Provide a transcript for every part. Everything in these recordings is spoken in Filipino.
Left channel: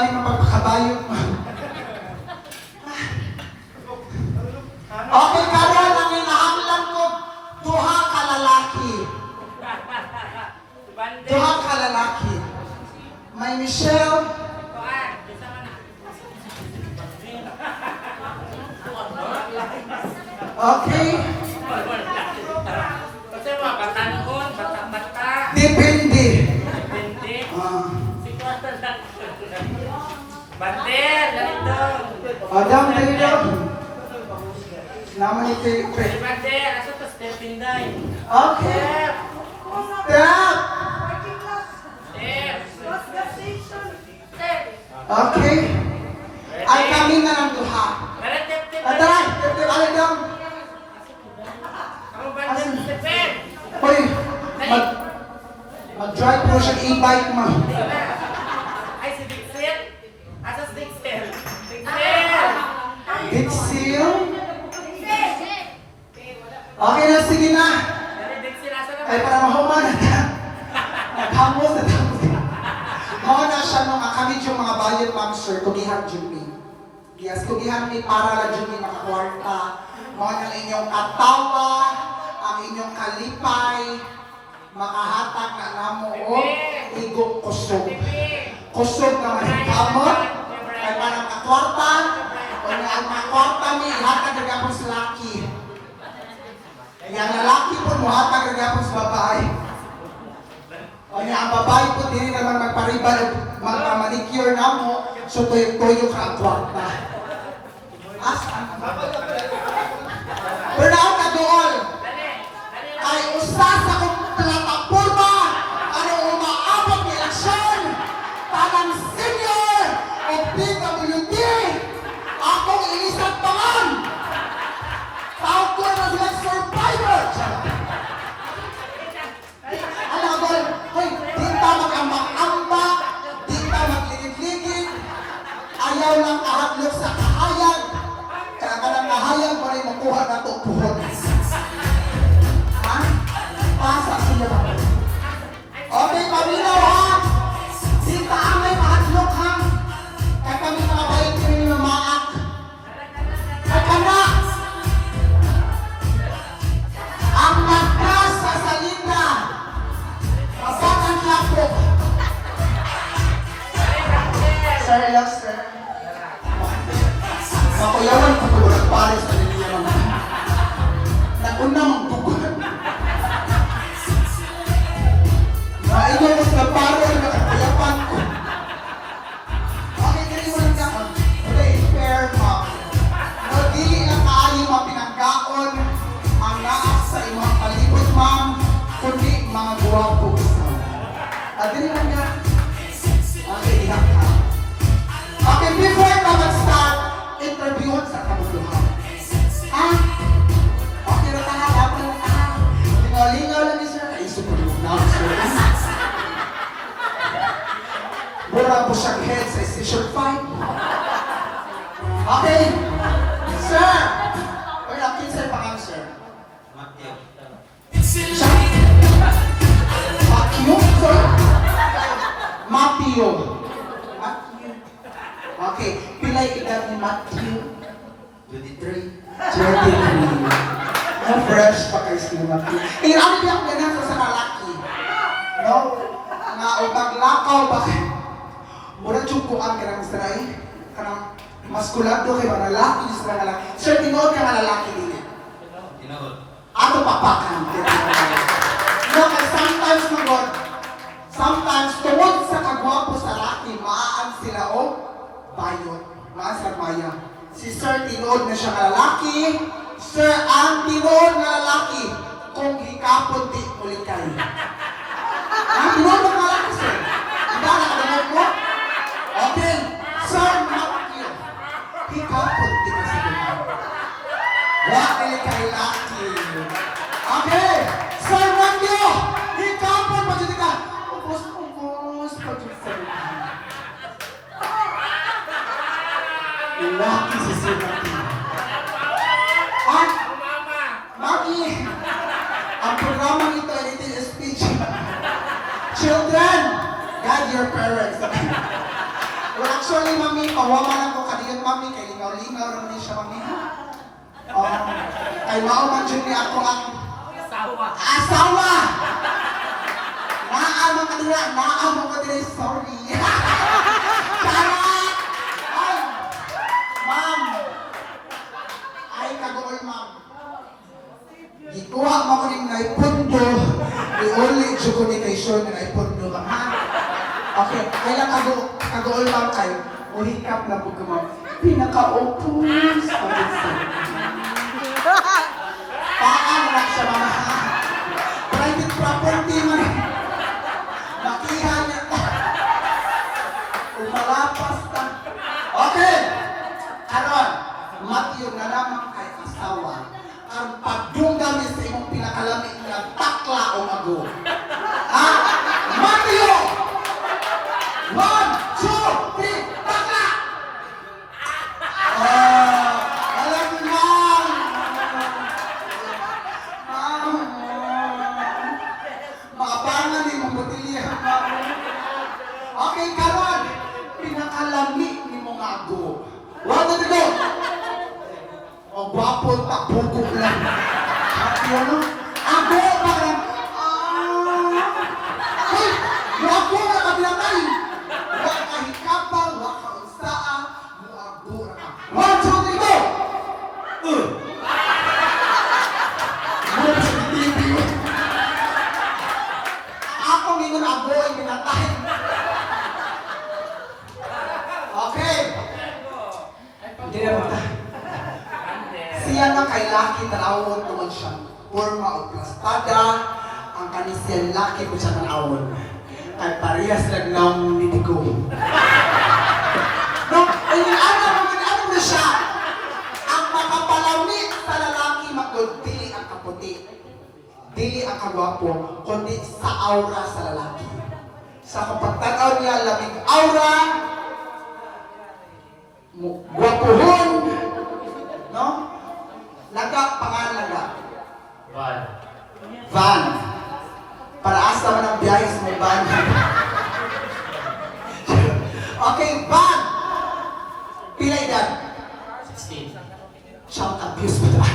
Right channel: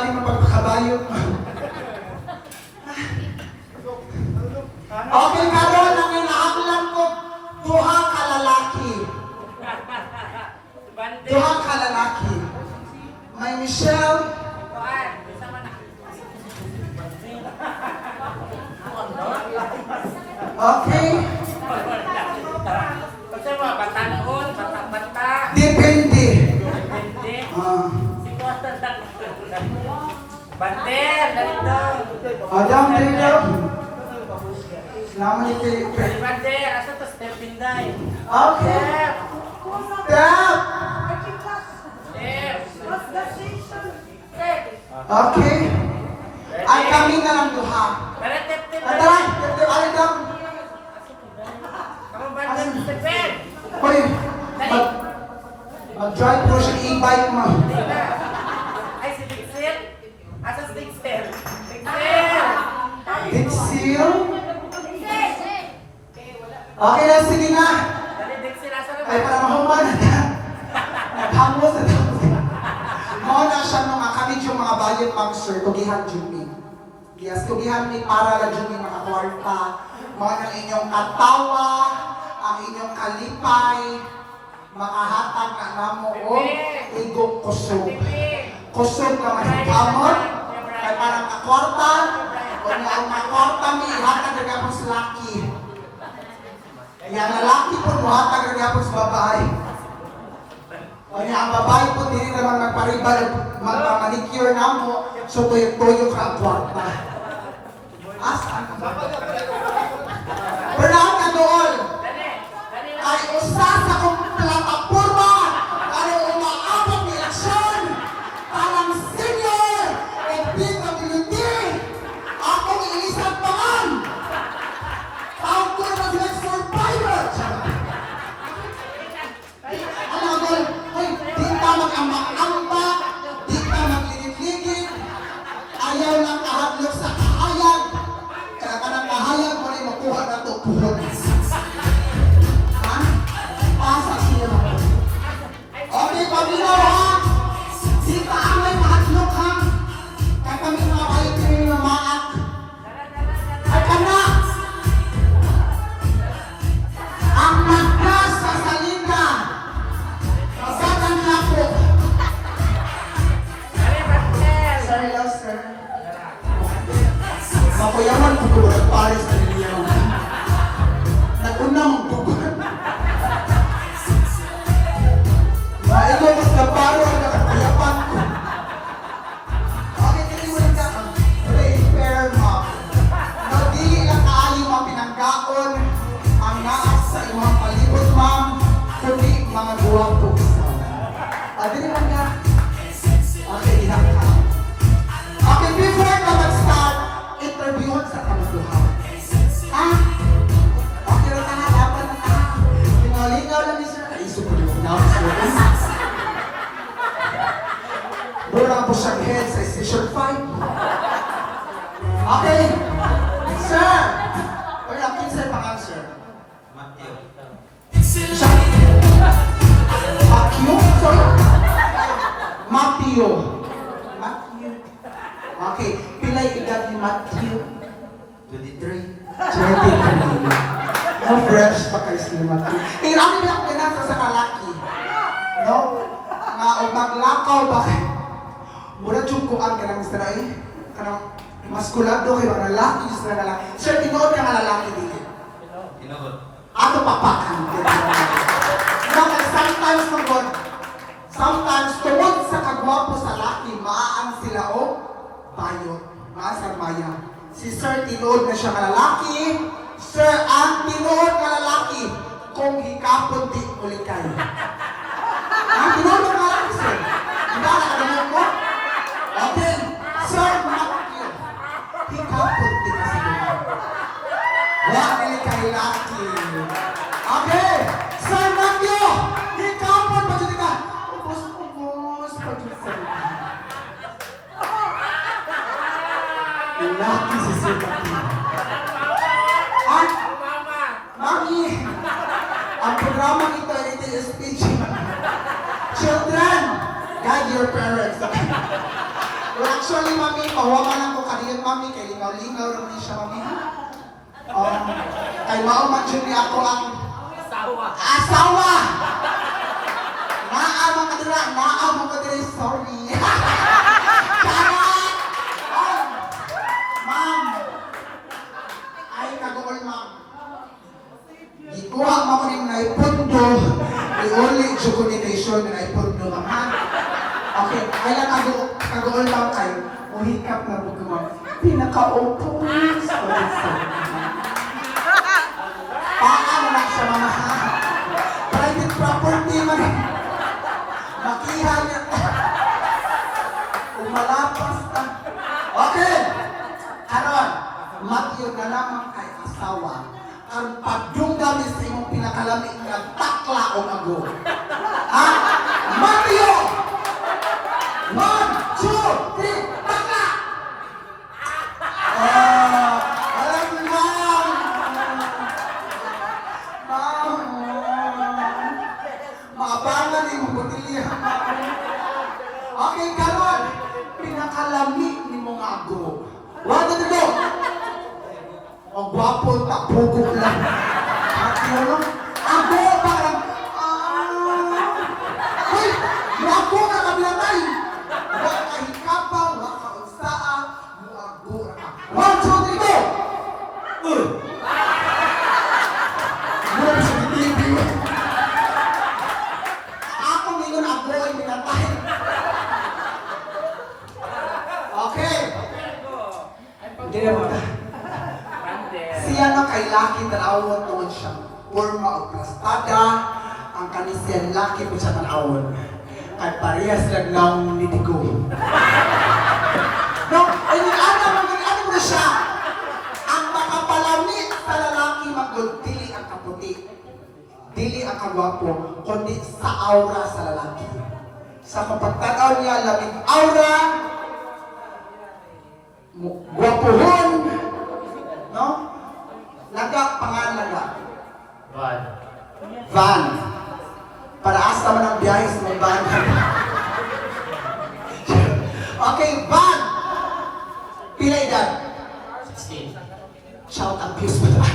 tingali ng pagpakabayot mo. Okay, karon ang inaaklan ko, duha ka lalaki. Duha ka lalaki. May Michelle. Okay. Kasi mga batanon, bata-bata. Depende. Depende. Sitwasyon lang. Bandel, ganito. Adam, dito. Naman ito. Bandel, asa to step pinday. Okay. Step. Okay. Ay kami na lang duha. Atay, alin daw. Kamu bandel, stepin. Hoy, mag-drive po siya e-bike mo. Ay, si Dixel. Asa si Dixel? Dixel! Dixil? Okay na, sige na. Dali, Dixel, asa na ba? Ay, para mahuman. Naghamos na tapos. Mga na siya nung kami yung mga bayad ma'am sir, tugihan Jimmy. Yes, tugihan ni para lang Jimmy nakakwarta. Mga ng inyong katawa, ang inyong kalipay, makahatag na namo o igong kusog. Kusog na manikamot, ay parang kakwarta, o na ang makwarta ni ihatag na gapon sa laki. Yang lalaki po mo hatag na gapon sa babae. O niya ang babae po din naman magparibal, magpamanicure na mo, so tuyo-tuyo ka ang kwarta. Asaan ka ba? Bernard Adool, ay usa sa kong plataforma para umaabot ng eleksyon parang senior at PWD akong ilisang pangan ako na sila survivor. Alam mo, hey, di ka mag-amak-amak, di ka mag-linig-ligig, ayaw lang kahatlok sa kahayag, kaya ka ng kahayag mo rin makuha na ito puhon. Pasa sila. Okay, pabinaw ha? Di ka amay mahatlok ha? Kaya kami mga bayan ko yung mamaak. At anak! Ang magkas sa salita. Masatan niya po. Sorry lang, sir. Makuyawan ko ko nagpare sa linya mga. Nag-una mong tugon. Maigo mas nagparo ang nakakuyapan ko. Okay, kaya mo rin ka. Okay, fair mom. Magdili lang kaayo mga pinagkaon ang naas sa imong palibot, ma'am, kundi mga guwapo isaw. Dili lang nga. Okay, ilang ka. Okay, before ka mag-start, interviewon sa kamuduhan. Ha? Okay, rin ka, dapat na ka. Lingaw-lingaw lang ni sir. Ay, super yung now, sir. Mura po siyang head sa station 5. Okay. Sir! Or akin sir pangalan, sir? Matthew. Sorry? Matthew. Matthew. Okay. Pilay edad ni Matthew? 23. 23. No fresh pa kayo si Matthew. Eh, ano niya ako ganasa sa kalaki? No? Nga, o maglakaw ba? Mura tsukuan ka ng Mr. Ay. Kanang maskulado kayo, lalaki yung sa lalaki. Sir, tinood ka nga lalaki din. Tinood. Ato papakan. No, kaya sometimes magod, sometimes tungod sa kagwapo sa laki, maaan sila o bayot. Maasar maya. Si Sir, tinood na siya nga lalaki. Sir, ang tinood nga lalaki, kung hikapon di ulikay. Tinood na nga lalaki, sir. Diba, nakadamot mo? Okay, Sir Matthew, hikapon di kasi doon. Wala nila kay laki. Okay, Sir Matthew, hikapon pa dyan ka. Ubus pa dyan sa laki si Sir Matthew. At, Maki, ang programang ito ay little speech. Children, guide your parents. Wala Actually, mami, pawawa lang ko kaniyang mami, kay lingaw-lingaw naman siya, mami. Kay mauman dyan niya ako ang Asawa. asawa! Naamang ka nila, naamang ka nila, sorry. Charot! Ay, ma'am. Ay, kagool, ma'am. Gikuha mo ko rin na ipundo. Iuli, communication na ipundo, ma'am. Ha? Okay, kaya kagool, ma'am, kayo. Uhikap na po ka, ma'am. Pinaka-opo. Sorry, sorry. Paano na siya, mama? Private property, man. Makihan niya. Umalapas na. Okay. Karon, Matthew na lamang kay asawa. Ang pagdungdami sa imong pinakalami nga takla o mago. Ha? Matthew! 1, 2, 3, takla! Alam mo na! Maabangan ni mong butilihan. Okay, karon. Pinakalami ni mong ago. Wala na go. O gwapo, tapugok lang. Ano? Ago, parang... Hoy! Yung ago na kabilatay! Wala ka hikapa, wala ka unsaa, yung ago na ka. 1, 2, 3, go! Mula sa TV. Ako ngayon ago ay pinatay. Okay. Hindi na magta. Siya na kay laki tanawon tungod siya. Forma o plastada. Ang kanisyan laki po siya tanawon. Kay parehas lang ng nitigo. No, ay ano mo siya. Ang makapalami sa lalaki magod, dili ang kaputi. Dili ang kagwapo, kundi sa aura sa lalaki. Sa kapagtanaw niya, lamig aura, gwapohon, no? Laga, pangalan laga. Van. Para asa man ang biyahe sa mga van. Okay, van. Pila edad? 16. Child abuse ba ito?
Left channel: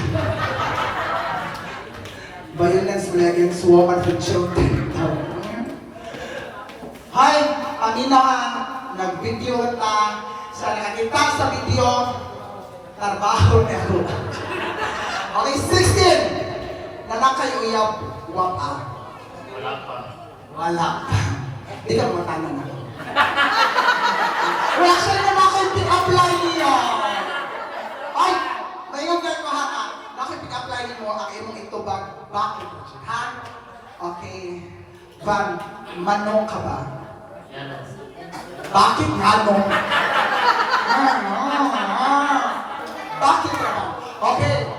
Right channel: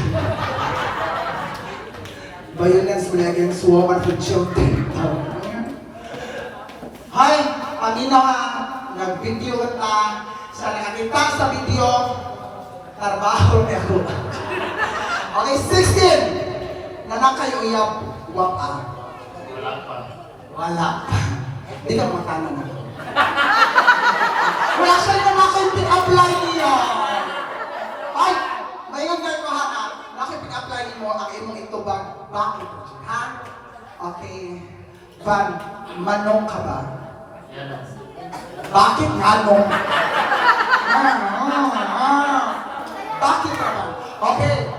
Violence against women for children. Hi, paminaw ha. Nag-video ta. Sa nakakita sa video, trabaho na ako. Okay, 16. Nanakay uyab, wapa. Wala pa. Wala pa. Di ka mo tanong na. Wala siya na nakipag-apply niya. Ay, mayon kayo ko ha. Nakipag-apply mo ang imong itubag. Bakit? Ha? Okay. Van, manong ka ba? Yan. Bakit manong? Bakit ka ba? Okay.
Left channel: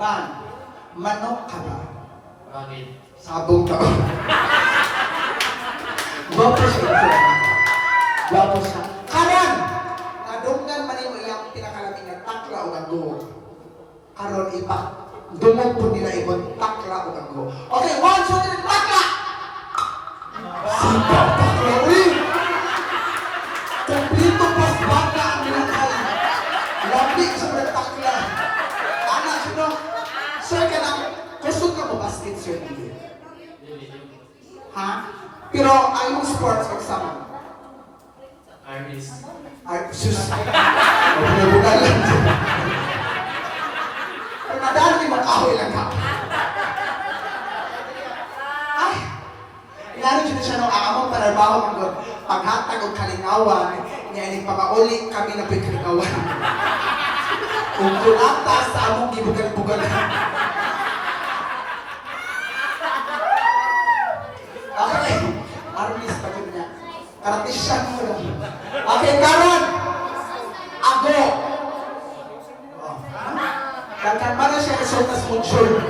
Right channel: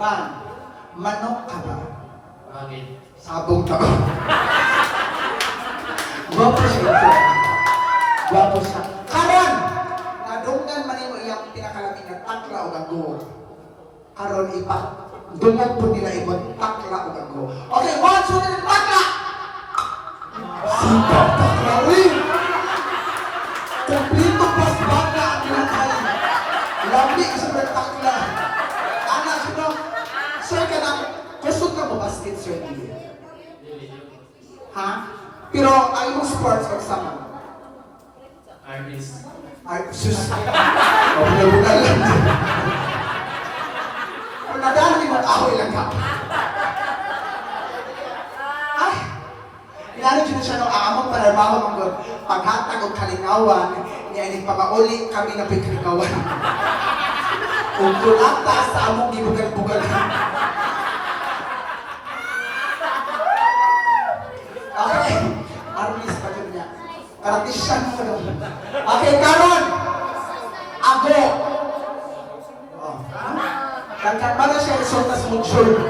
Van, manong ka ba? Bakit? Sabong ka. Gwapo siya. Gwapo siya. Karon! Nadunggan man mo iyang pinakalaming na takla o gago. Karon ipa. Dungog po nila ibon takla o gago. Okay, 1, 2, 3, takla! Sipag takla, uy! Kumplito pas baka ang pinakay. Labi sa mga takla. Ana, sino? Sir, ka na, kusog ka mo basket, sir, hindi. Ha? Pero ayaw mong sports o sama? Artist. Ay, sus. O, bugal lang. Kung nadaan mo, ahoy lang ka. Ay, inarin siya na siya nung aamong panarbaho mong paghatag o kalingawan, niya ining pamauli kami na pagkalingawan. Kung kulata sa among gibugal-bugal. Okay, artist pa dyan niya. Artisan mo doon. Okay, karon! Ako! Oh. Kagkan ba na siya isultas mo jul?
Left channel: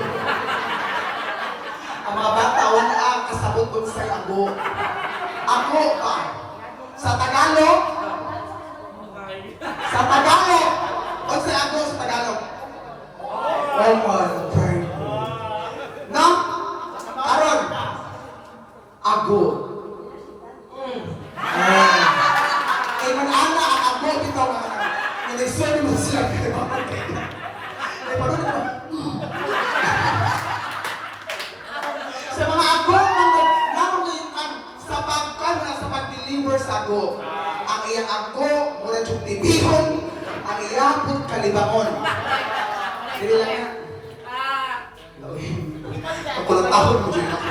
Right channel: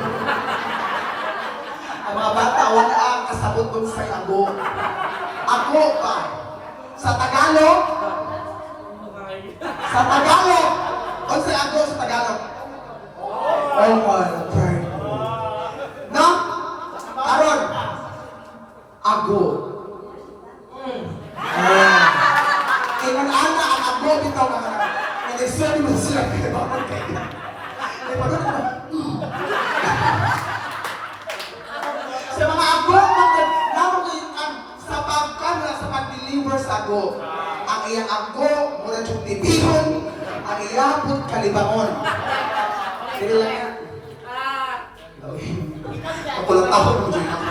Ang mga bata, wala ang kasabot kong sa'y ako. Ako pa. Sa Tagalog? Sa Tagalog? O sa ako sa Tagalog? Oh my God. No? Karon! Ago. Kaya man ana ako, bitaw ka na. Eleksyon mo sila kayo. Eh, paano naman? Sa mga agong namangitan sa pagkana sa pag-deliver sa ago. Ang iyang ago, mula yung tibihon, ang iyapot kalibangon. Dili lang yan. Kapulatahon mo dyan ako.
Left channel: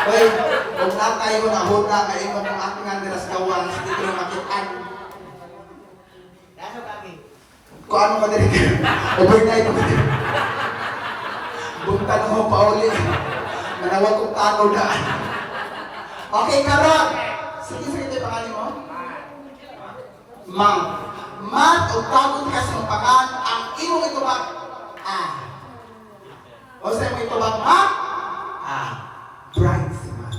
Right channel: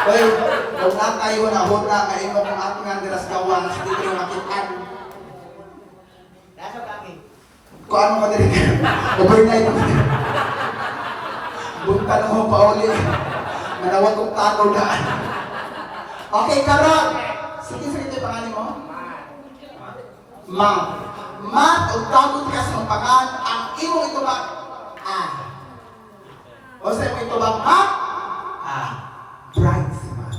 Oy, kung na tayo na huna, kayo mo kung ating nga nilas gawang, hindi ko yung makitaan. Kung ano ka din, overnight ako din. Bunta nung pa uli. Manawag kong tanaw daan. Okay, karon. Sige, ito yung pangalan mo? Mang. Mat o tagot ka sa pangalan, ang imong ito ba? O sa imong ito ba? Ma? Bright si Mat.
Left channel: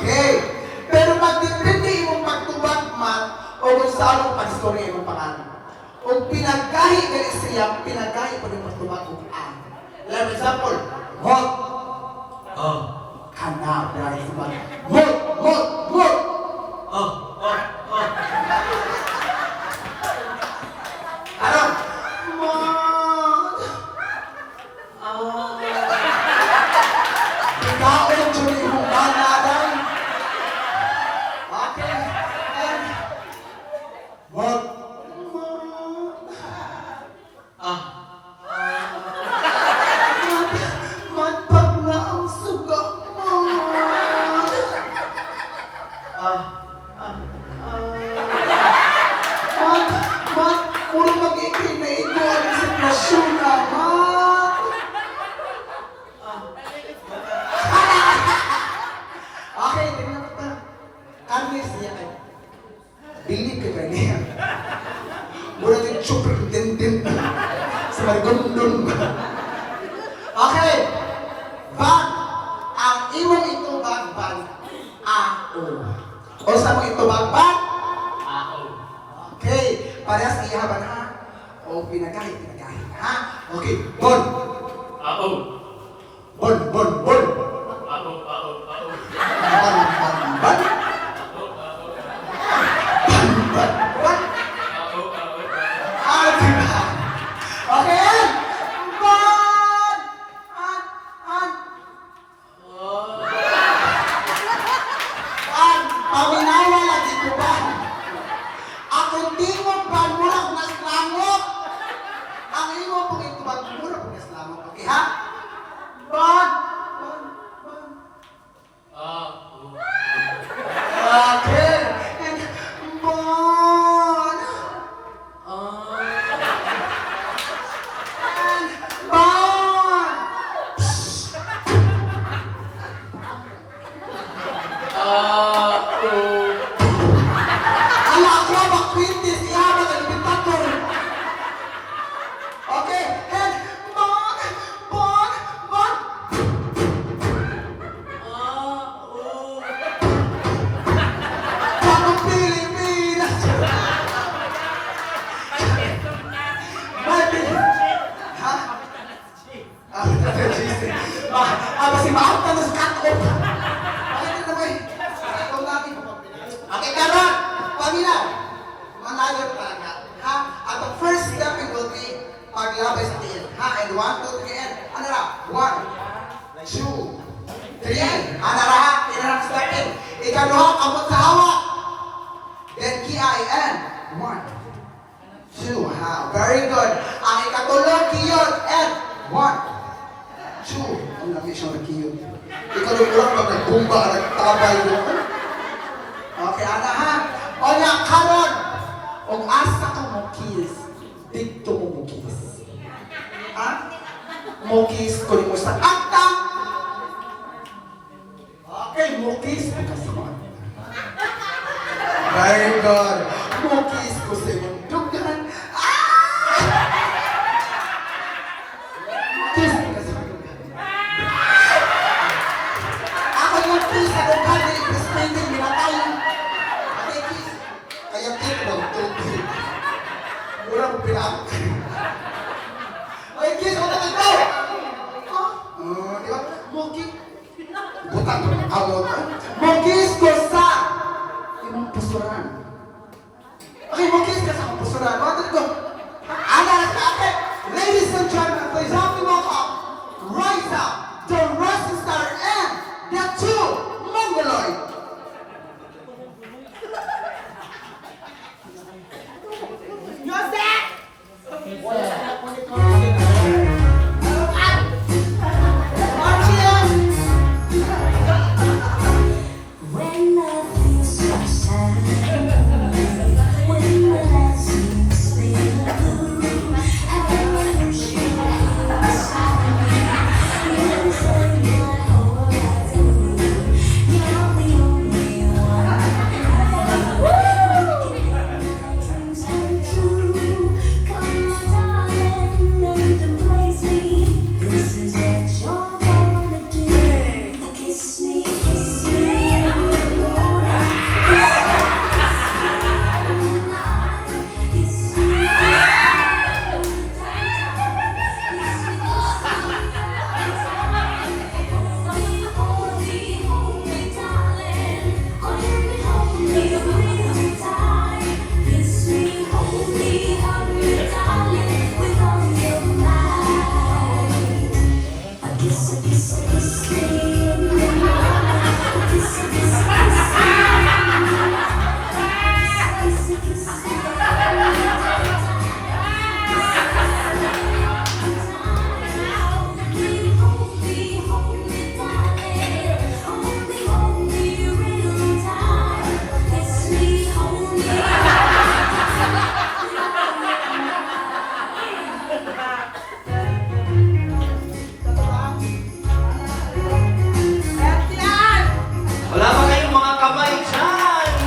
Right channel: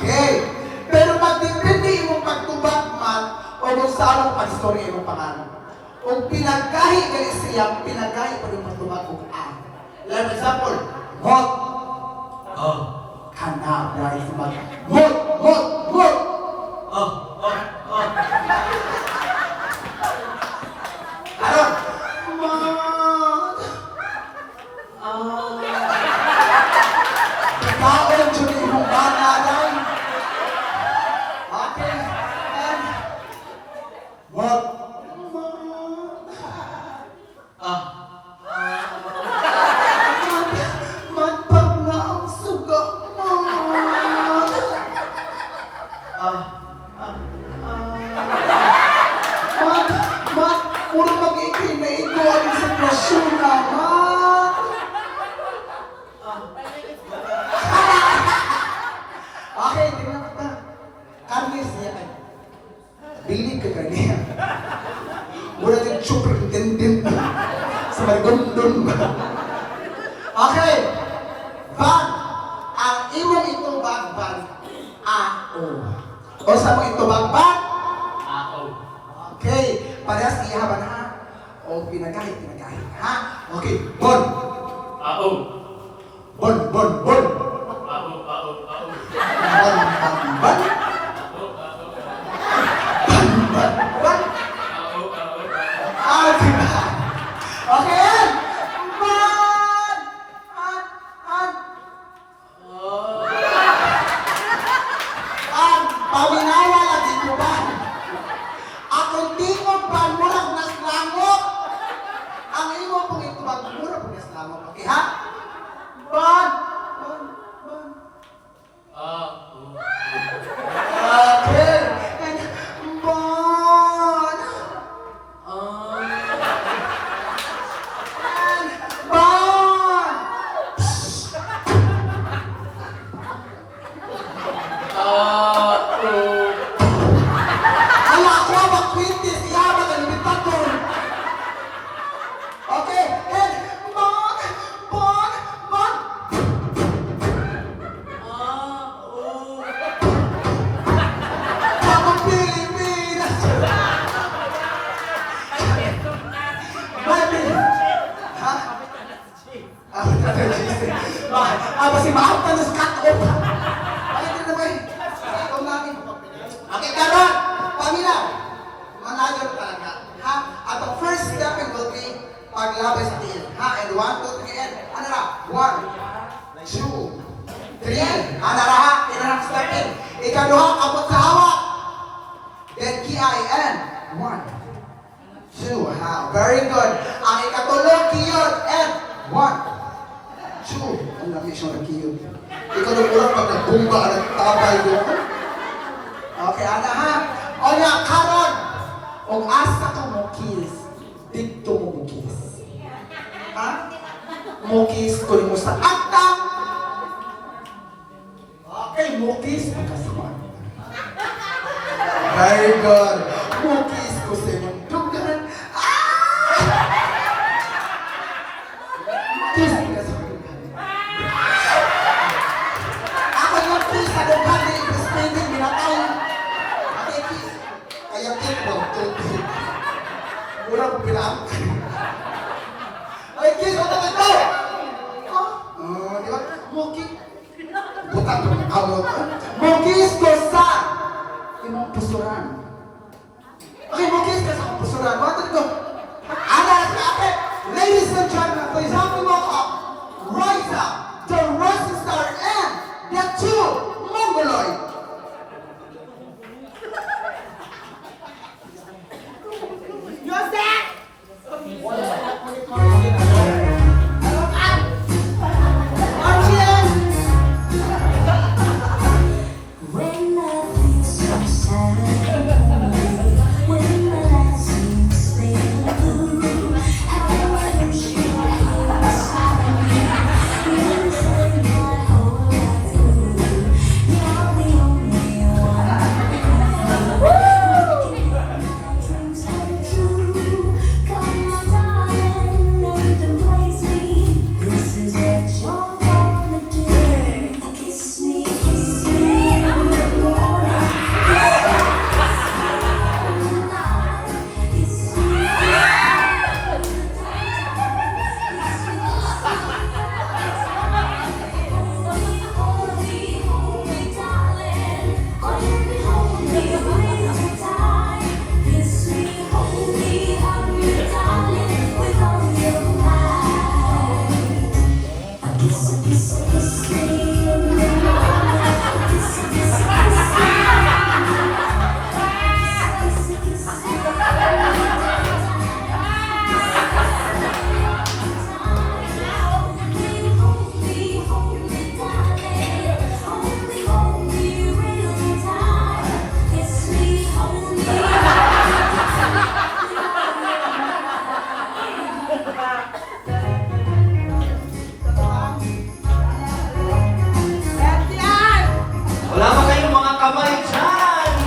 Okay. Pero magdepende imong pagtubag, Mat, o kung saan ang pag-story imong pangalan. Kung pinagahi gali siya, pinagahi pa yung pagtubag kung Like for example, Mot. Kana, bright si Mat. Mot. Aron. Mot. Ikaw ang dyan imong bata, day. Okay. And, Mot. Matpag na ang suga, Mot. Mat, puro mag-ikinaigo ang sitwasyon na, Mat. Okay, tingnan mo pa. Carnes niya kayo. Bilib ka ganyan. Mura yung super intendent sa marigondon. Okay. Van. Ang imong itubag, Van. O sa mong itubag, Van? Okay. Parehas iyaban ha. O pinagahit. Ha? Okay. Bon. Bon. Bon. Okay. Paminawa lagi ko ba? Akong tingog ba murag nas langok? Ang imo pong itubag murag nas langok. Okay ha? Bon. Okay. Bon. Ala ko ba kwintis iya ba kalibitaton? Okay, and bon. Pagong Pilipinas. Baby. Ha? Basi maaf ka na sa cut-off. Bakit na ba eh? Ikaw namin. Okay, karon. Pamilya. Manager talaga. Ha? At the first step will be paglabay sa tiil. Ha? And 1, 2, 3, and ano na? 1, 2, 3. Ano na ha? Inarang step in. Ikaduha, abot sa hawak. Then K-I-N. 1, 2. Ha? Very good. Ang ikatulong, kiyod. And 1, 2. Ang laki siyang nakiyod. Ikaw nung ulang pag nagbumba ka nagtabay doon. Okay, ana ha? O nga, karon. Kung asa ka mo kiss, dito mo kiss. Ha? Mo kiss ko mo sa akta. Okay, mo kiss mo kasi mo. Very good. Mo kiss ko sa imong dugan. Kiss mo kasi mo dugan. Ako yung kiss sa dugan, spending minatay. Okay, kiss. Kaya kiss mo, tuti. Mura mo pinakot. Ay, kiss, ano ka ito? Di ba? Mukis. Butang ko ng awot. Mukis ko sa imong pusuran. Susunod. One, two, go. Anak, anak. Ladies and gentlemen, please help me welcome Raisa, the Rising Star, and the two Mongoloid. When I feel so sad, when my life seems fading blue, how I wish you were here beside me. You turn my whole life through. You're the only one who can make my dreams come true. Come on, darling, and embrace me. This is what you're gonna do. Kiss me, kiss me in the morning. Kiss me, hold me, darling. Hold me real tight. Kiss me, hold me, darling, with all your might. Kiss me in the morning. Kiss me. Hold me real tight. Kiss me, hold me. Wala ba kayong mga kamay dyan?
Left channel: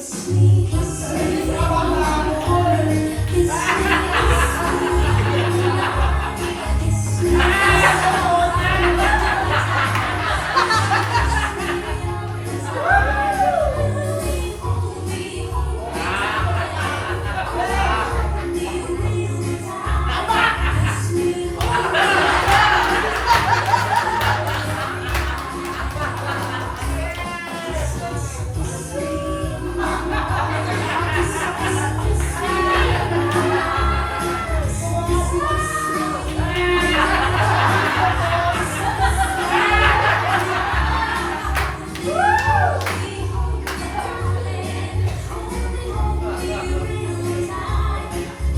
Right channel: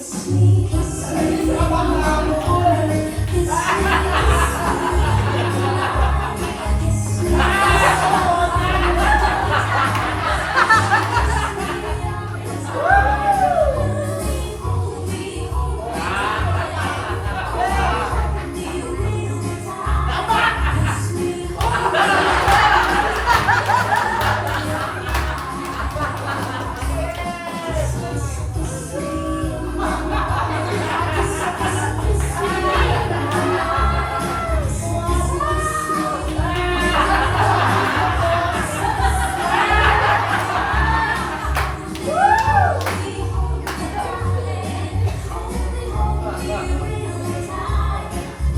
Kiss me, kiss me, kiss me.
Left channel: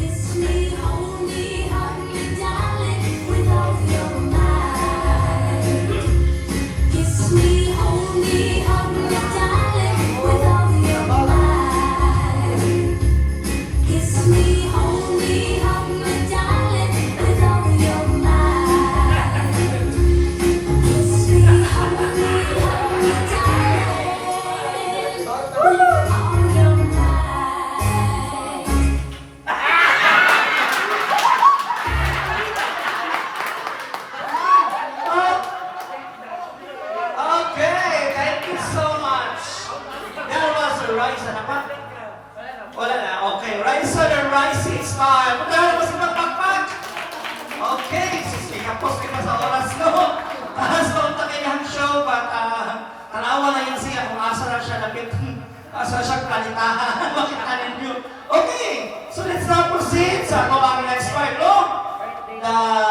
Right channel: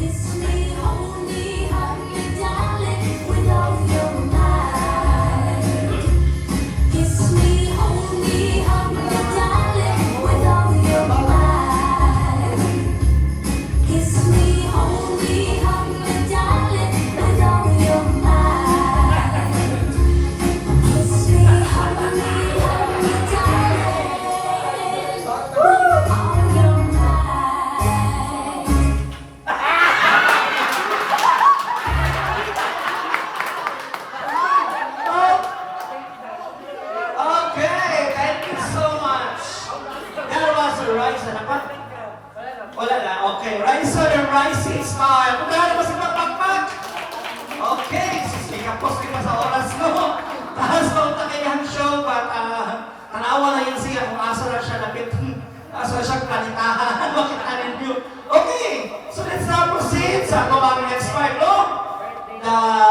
Kiss me, hold me, hug me, darling, with all your might. Kiss me, hold me, hug me, darling, with all your might. Kiss me, hold me, hug me, darling, with all your might. Kiss me, hold me, darling, with all your might. Okay, thank you so much. That was a Raisa na pa? Wala na. Okay, Raisa the Rising Star. Pagkala mo sa pagpagpag. Okay, kapos kita sa oras no. Taas pa ang takayang show, but tanawa na yan siya kung asa na siya napit. Asa na siya kanitahan. Makita ninyo. Okay, so let's now proceed sa next part, no?